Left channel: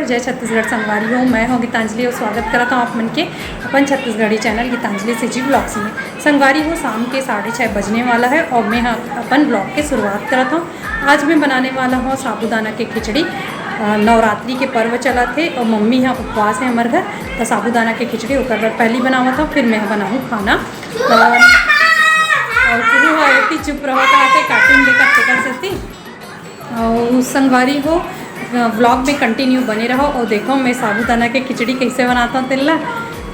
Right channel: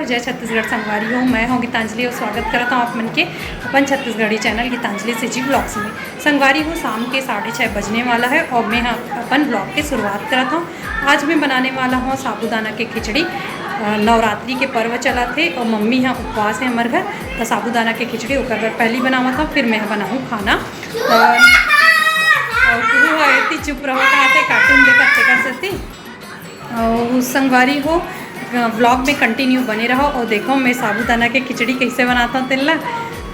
जय छत्तीसगढ़ संगवारी हो, मैं हूँ गीतांजलि और स्वागत करता हूँ आप मन के अपन छत्तीसगढ़ी चैनल गीतांजलि सिजी ब्लॉग्स में। संगवारी हो शाम के 6:30 बजने वाला है और मैं अपन ब्लॉग की शुरुआत करता हूँ। आज मैं बनाने वाला हूँ साबूदाना की खिचड़ी। नवरात्रि के पर्व चला थे और मम्मी यहाँ उपवास है हमारे घर, तो साबूदाना की खिचड़ी ओकर पहली बनावा था, फिर मैं बनाऊँ खाना। और फिर चुप रहो कहते कार्टून देखते कर सकती। और संगवारी हो ब्लॉग में कंटिन्यू बने रहो और देखो मैं साबूदाना की खिचड़ी कैसे बनाता हूँ। तेला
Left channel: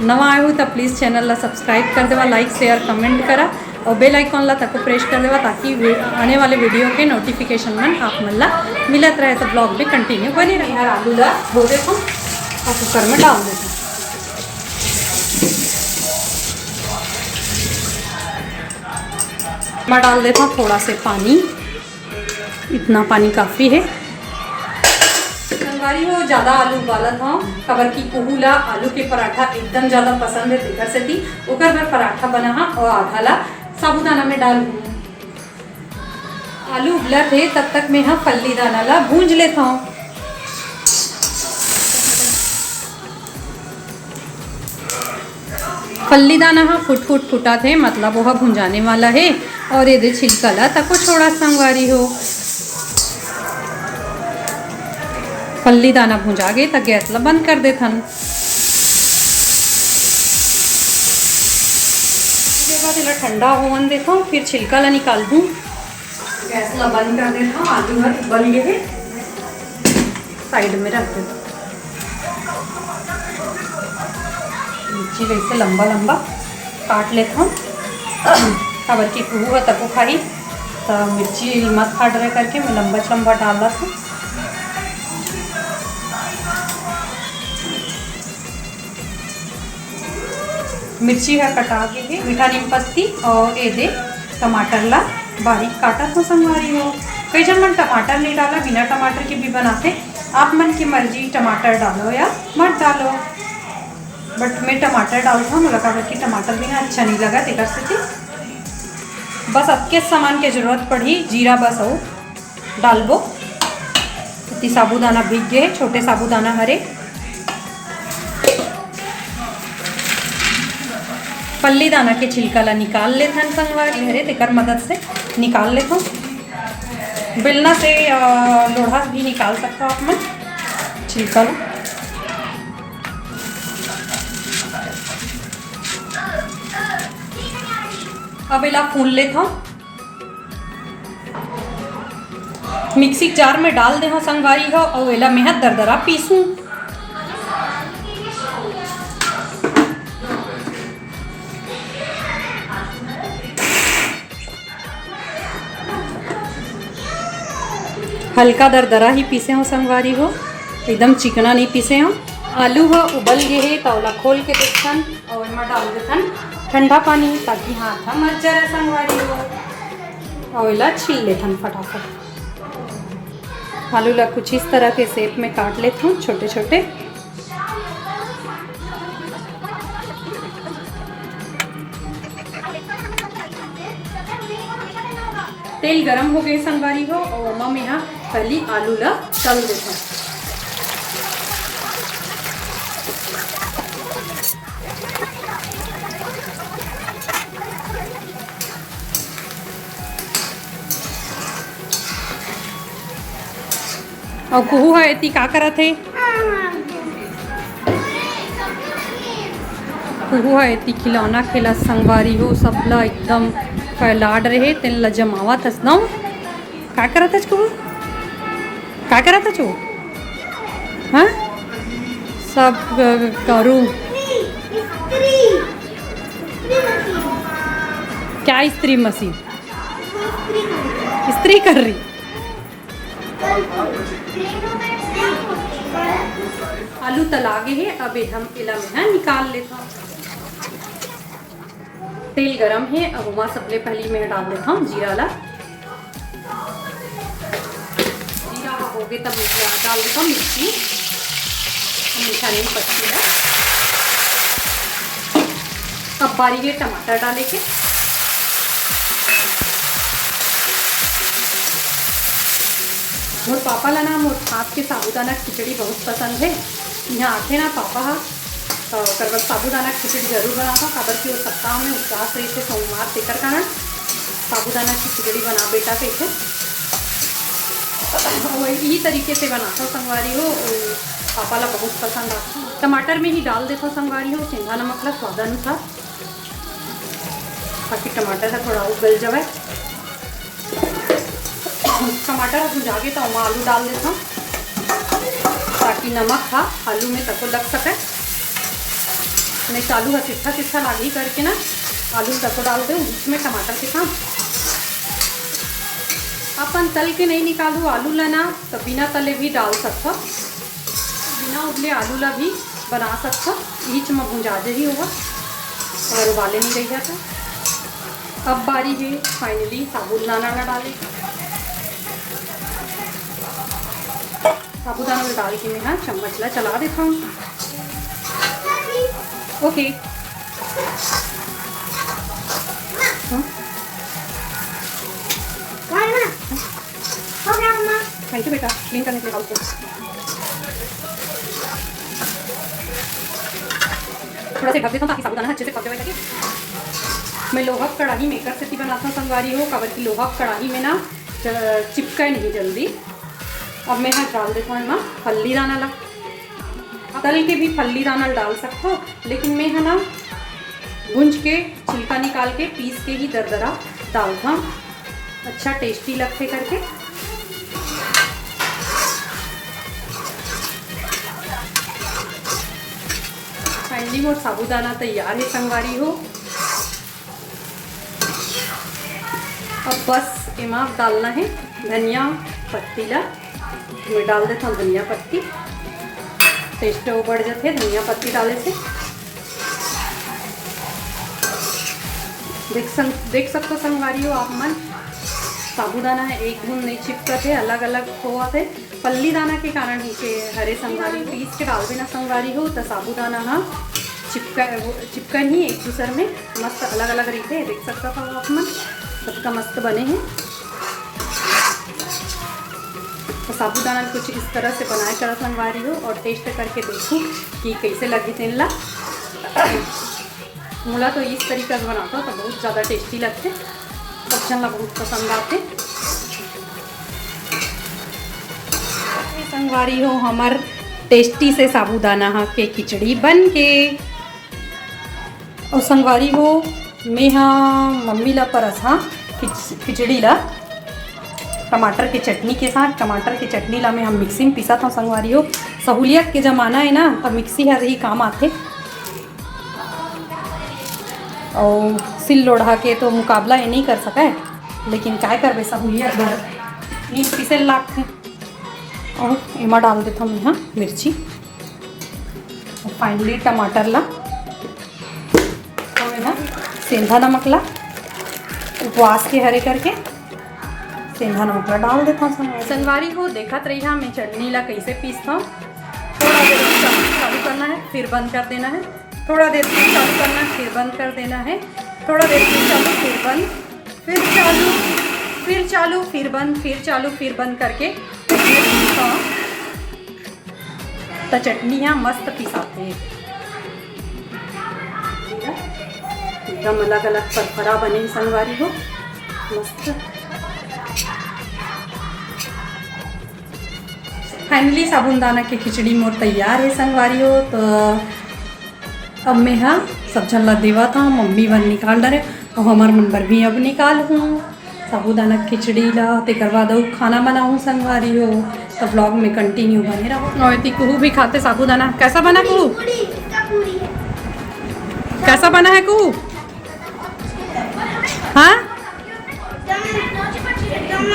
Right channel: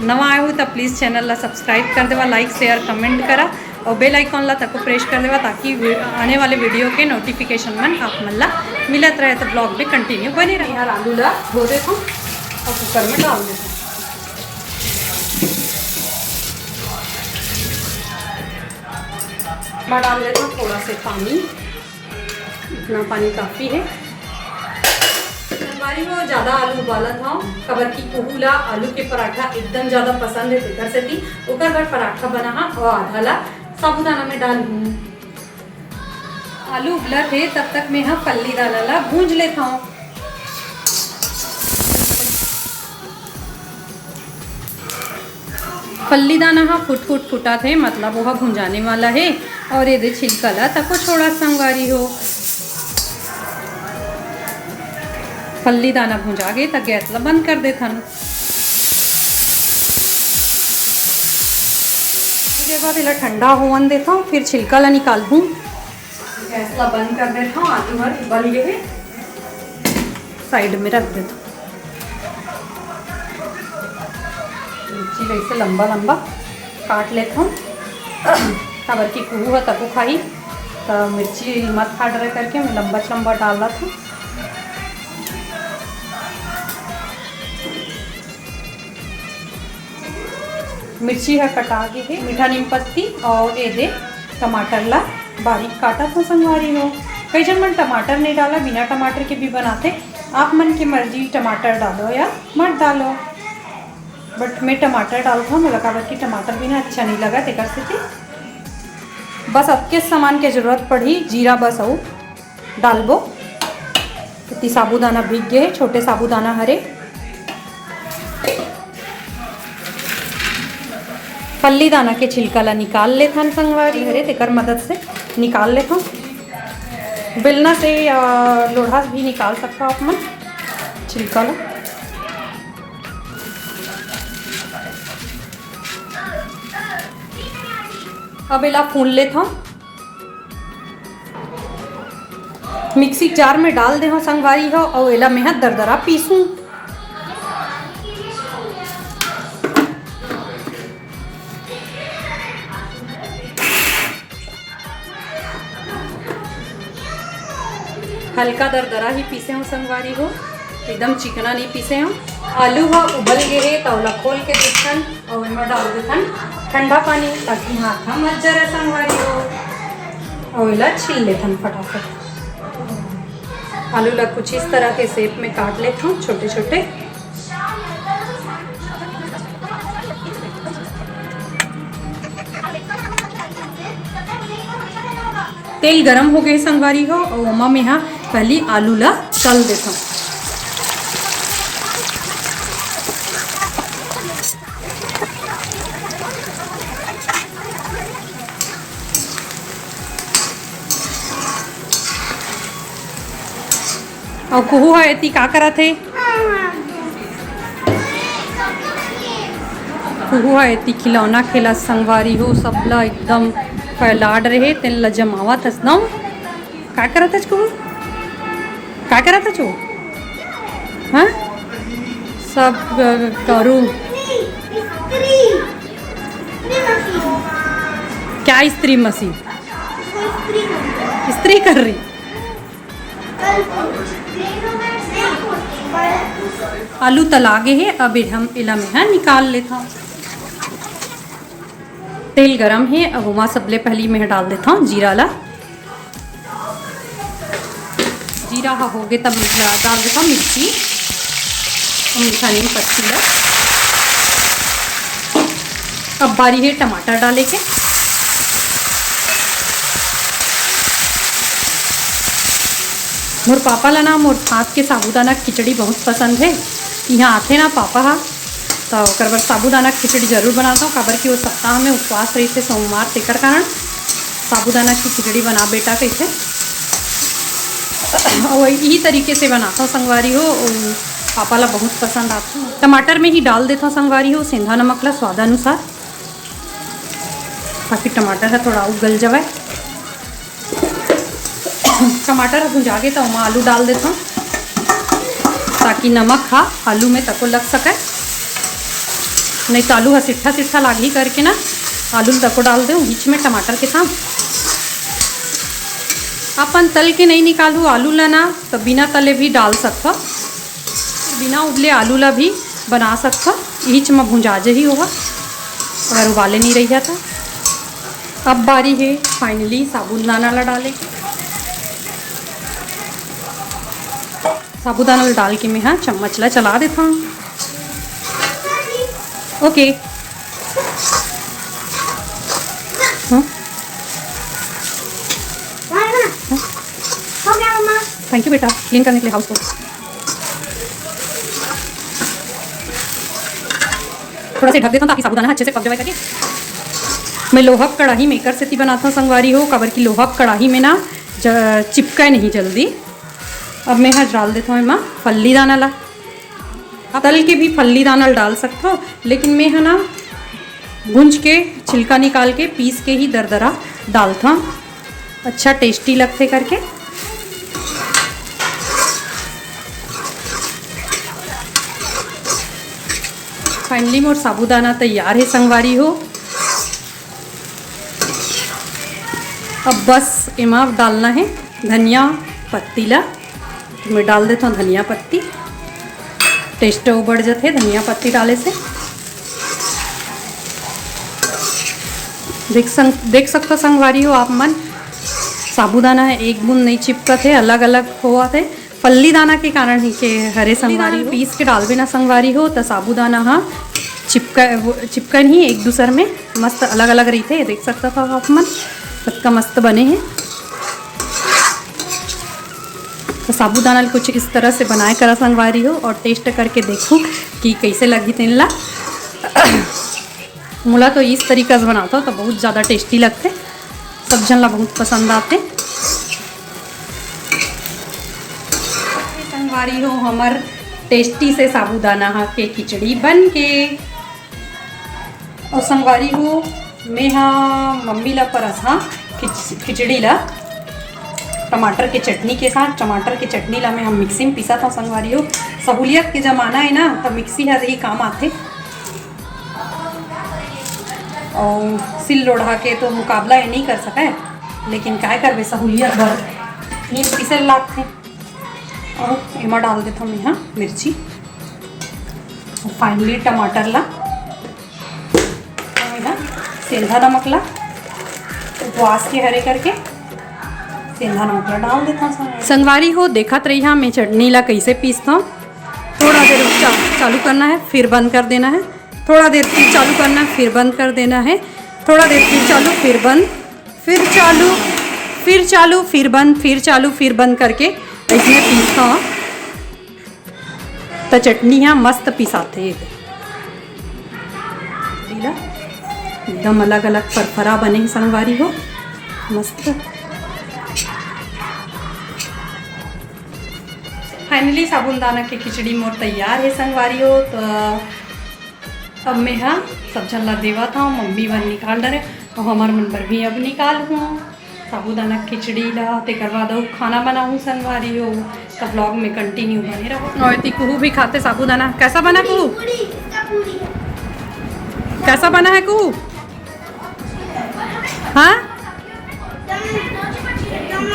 नवा आए हो तो प्लीज़ चैनल ला सब्सक्राइब कर देवा, लाइक शेयर कमेंट करा और बेल आइकॉन ला तको प्रेस कर देवा ताकि आने वाले वीडियो के नोटिफिकेशन मन आप मन ला मिलत रहे। तो ब्लॉग में कंटिन्यू बने रहे। यार आलू ला धो देता हूँ और कुकर में डाल देता हूँ। मैं डाल देता हूँ थोड़ा से पानी, इतना पानी काफ़ी है। संगवारी हो ज़्यादा आलू उबाला था खबर की कुहू ला आलू के पराठा एकदम ज़्यादा पसंद है, तेकर से थी ओकर बार पराठा बना और आधा ला साबूदाना में डाल दूँ। आलू उबला थे तब तक मैं यहाँ फल्ली दाना ला भूंज लेता हूँ। फल्ली दाना हाँ फुटा थे मतलब वह भुंजाने वाला है और ये छिलका ला तको छोड़ा संगवारी हो। फल्ली दाना भुंजा गए तो गैस ला बंद कर देथन। इसके बाद इला ठंडा होवन देता हूँ, फिर छिलका ला निकाल दूँ। गैस ला बंद कर देता हूँ, आलू हर उबल गए साइड में रख देता हूँ। मिर्ची वैसे लंबा लंबा काट लेता हूँ खबर की कुहू है तको खाई तो मिर्ची मत काट रहे करके मैं लंबा लंबा डाल रहा था। मिर्ची है कटा के है मीठा नीम पत्ती और ये दे टमाटर ला बारीक काटा था संगवारी हो। कई जन मन टमाटर नहीं डाला, बिना टमाटर के भी बनाते, आप मन की मर्जी टमाटर डालो या मत डालो, बट मैं टमाटर डालता हूँ। मुझे लगा कि टमाटर बिना अच्छा नहीं लगा ते कर सकती। बस अब के सामान की ज़रूरत पड़ी जीरा बस हो डालबो। इतनी साबूदाना भीग गए, छोटे साबूदाना हरे। फल्ली दाना के छिलका ला निकाल लेता हूँ संगवारी हरे तेकर मदद से निकाल लेता हूँ। बेलना से या लोढ़ा भी निकाल सकता हूँ आप मन छिलका ला। अब इला फूल लेता हूँ, मिक्सी जार में डाल दे हो संगवारी हो और इला मैं दरदरा पीसूँ। हल्का दरदरा ही पीसे हो संगवारी हो, एकदम चिकना नहीं पीसे हो। आलू हो उबल गए है तौला खोल के देखन और इनमें डाल देथन ठंडा पानी ताकि हाथ मत जरे संगवारी हो और इला छील लेथन फटाफट। आलू ला कुछ इस तरह के शेप में काट लेता हूँ छोटे छोटे। तेल गरम हो गए संगवारी हो और ओमा में यहाँ पहली आलू ला तल देता हूँ। और कुहू है इतनी का करा थे कुहू है इतनी खिलौना खेला संगवारी हो सबला एकदम फैलाड रहे तेन ला जमावा थस ना का करा था कुहू का करा था चो हाँ सब करूँ क्या स्त्री मशीन इस्त्री कर रही। आलू तलागे है, अब हम इला में है निकाल लेता। तेल गरम है, अब वहाँ सबले पहली मैं डाल देता हूँ जीरा ला। जीरा हो गए तब डाल देता हूँ मिर्ची, मीठा नहीं पत्ती ला। अब बारी है टमाटर डाले के। मोर पापा ला ना मोर हाथ के साबूदाना खिचड़ी बहुत पसंद है। यहाँ आते ना पापा हा तो ओकर बर साबूदाना खिचड़ी जरूर बनाता हूँ, काबर कि वो सप्ताह में उपवास रही थे सोमवार, तेकर कारण साबूदाना की खिचड़ी बना बेटा कैसे और यही तरीके से बनाता हूँ संगवारी हो। पापा ला बहुत पसंद आता है। टमाटर में ही डाल देता हूँ संगवारी हो सेंधा नमक ला स्वादानुसार, ताकि टमाटर है थोड़ा उगल जाए। टमाटर भुजा के तो वहाँ आलू डाल देता हूँ, ताकि नमक हा आलू में तको लग सके। नहीं तो आलू हा सिट्ठा सिट्ठा लागी करके ना आलू तको डाल दो बीच में टमाटर के साथ। अपन तल के नहीं निकालू आलू ला ना तो बिना तले भी डाल सकता, बिना उबले आलू ला भी बना सकता। बीच में भुंजाजे ही होगा और उबाले नहीं रही जाता। अब बारी है फाइनली साबूदाना ला डाले। साबूदाना डाल के मैं हाँ चम्मच ला चला देता हूँ। ओके थैंक यू बेटा, क्लीन करने के लिए हाउस को। थोड़ा से ढक देता हूँ ताकि साबूदाना अच्छे से पक जाए। मैं लोहा कढ़ाई मेकर से ही बनाता हूँ संगवारी हो, काबर की लोहा कढ़ाई में ना चिपका नहीं जल्दी। अब मैं यहाँ डाल देता हूँ मैं फल्ली दाना ला। तल के भी फल्ली दाना डाल सकते हो, लेकिन मैं है ना भूंज के छिलका निकाल के पीस के ही दरदरा डालता हूँ, अच्छा टेस्टी लगते करके। फाइनली मोर साबूदाना तैयार है संगवारी हो। अब बस इमा डालना है धनिया पत्ती ला, तो मैं डाल देता हूँ धनिया पत्ती। टेस्ट बढ़ जाते धनिया पत्ती डाले से। देख सकते संगवारी हो आप मन, साबूदाना है एक बूंद नहीं चिपकत है, अलग अलग हुआ थे फल्ली दाना के कारण ही के हरे संगवारी पीस के डाल बिना संगवारी हो तो साबूदाना हाँ चिपकन ही एक दूसरे में मस्त अलग अलग रही थे। देख सकता था आप मन सबका मस्त बने हैं। तो साबूदाना कुछ इस तरह से बनाए करा संगवारी हो और टेस्ट करके देखूँ कि कैसे लगी तेन ला। मुला तो इस तरीक़ा से बनाता हो तो बहुत ज़्यादा टेस्टी लगते, सब जन ला बहुत पसंद आते। संगवारी हो हमार टेस्टी से साबूदाना के खिचड़ी बन के। और संगवारी हो मैं हाँ मम्मी ला परस हाँ खिचड़ी ला टमाटर के चटनी के साथ। टमाटर के चटनी ला मैं हम मिक्सी में पीसा था संगवारी हो। सहूलियत के ज़माना है ना तो मिक्सी हर ही काम आते, और सिल लोढ़ा के तो मुकाबला ये नहीं कर सके, लेकिन क्या करवे सहूलियत भर नहीं पीसे लागते। और इमा डाल देता हूँ यहाँ मिर्ची और फाइनली टमाटर ला और सेंधा नमक ला उपवास के हरे करके सेंधा नमक ला डाल देता हूँ संगवारी हो। देखत रही हाँ मैं चटनी ला कैसे पीसता हूँ। थोड़ा देर चालू करना है फिर बंद कर देना है, थोड़ा देर फिर चालू करना है फिर बंद कर देना है, थोड़ा देर फिर चालू फिर बंद फिर चालू फिर चालू फिर बंद फिर चालू फिर बंद करके इसमें पीसता हूँ तो चटनी यहाँ मस्त पिसाते एकदम अलग अलग फरफरा बने संगवारी हो मस्त। फाइनली साबूदाना की खिचड़ी मोर तैयार है संगवारी हो। तो अब मैं हाँ सब झल्ला देवा था मम्मी बन निकाल डरे और हमार मन पर भी अब निकाल हूँ साबूदाना खिचड़ी ला। तेकर बाद खाना बनाऊँ संगवारी हो तो ब्लॉग में कंटिन्यू बने रहो। और कुहू भी खाते साबूदाना। कैसा बना कुहू? कैसा बना है कुहू? हाँ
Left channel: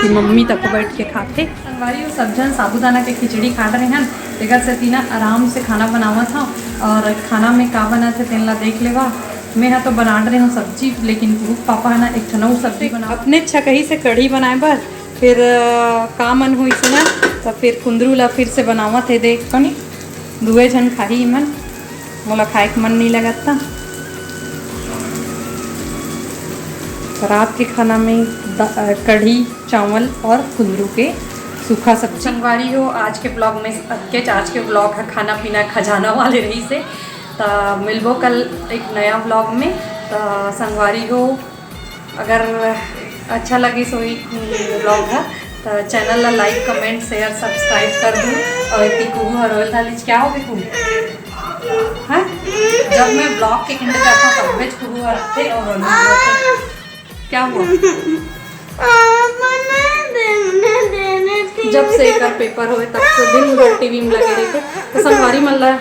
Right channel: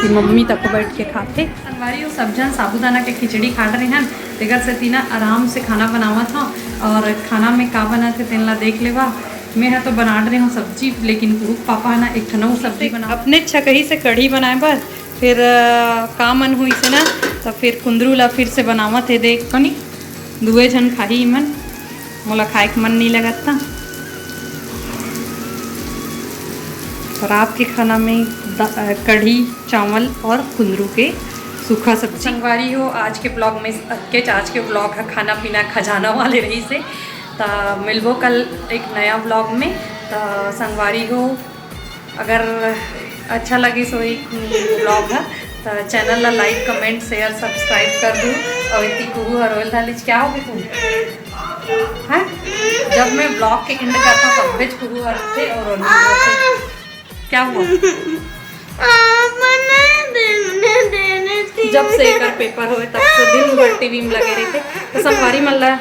कि मम्मी तक बैठ के खाते। संगवारी सब जन साबूदाना के खिचड़ी खा रहे हैं, तेकर से तीना आराम से खाना बनावा था। और खाना में का बना थे तेन ला देख लेवा। मैं हाँ तो बना रही हूँ सब्जी, लेकिन पापा है ना एक ठनऊ सब्जी बना अपने छकही से कढ़ी बनाए बर, फिर का मन हुई से ना तो फिर कुंदरू ला फिर से बनावत है। देख कनी दुए जन खाही मन, मोला खाए के मन नहीं लगता। रात के खाना में कढ़ी चावल और कुंदरू के सूखा सब्जी। संगवारी हो आज के ब्लॉग में आज के ब्लॉग है खाना पीना खजाना वाले रही से। तो मिलबो कल एक नया ब्लॉग में। तो संगवारी हो अगर अच्छा लगे सो एक ब्लॉग है तो चैनल ला लाइक कमेंट शेयर सब्सक्राइब कर दूँ। और कुहू और रोयल थालीज क्या हो गए कुहू हाँ, जब मैं ब्लॉग के एंड करता हूँ तब बेच कुहू आते और रोयल क्या हुआ। जब से एक पेपर हुए तब से दिन भर टीवी में लगे रहे थे। तो संगवारी मल्ला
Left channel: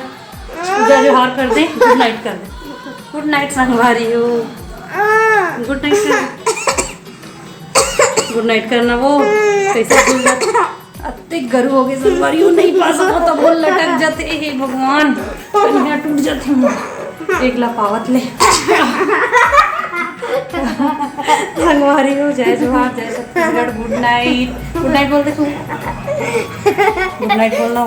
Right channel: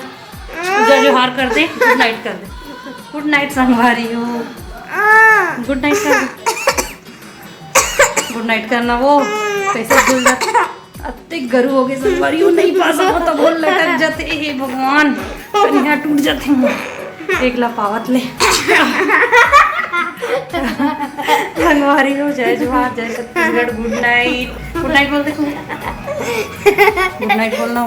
जोहार कर दे, गुड नाइट कर दे। गुड नाइट संगवारी हो, गुड नाइट कर, गुड नाइट करना। वो कैसे भूल जाते, अत्ते गरु हो गए संगवारी हो, नहीं पास हो तो बोल लटक जाते। हे भगवान कन्या टूट जाते एक ला पावत ले। संगवारी हो जय जोहार जय Chhattisgarh, good night. Good night बोलते गुड नाइट बोलना।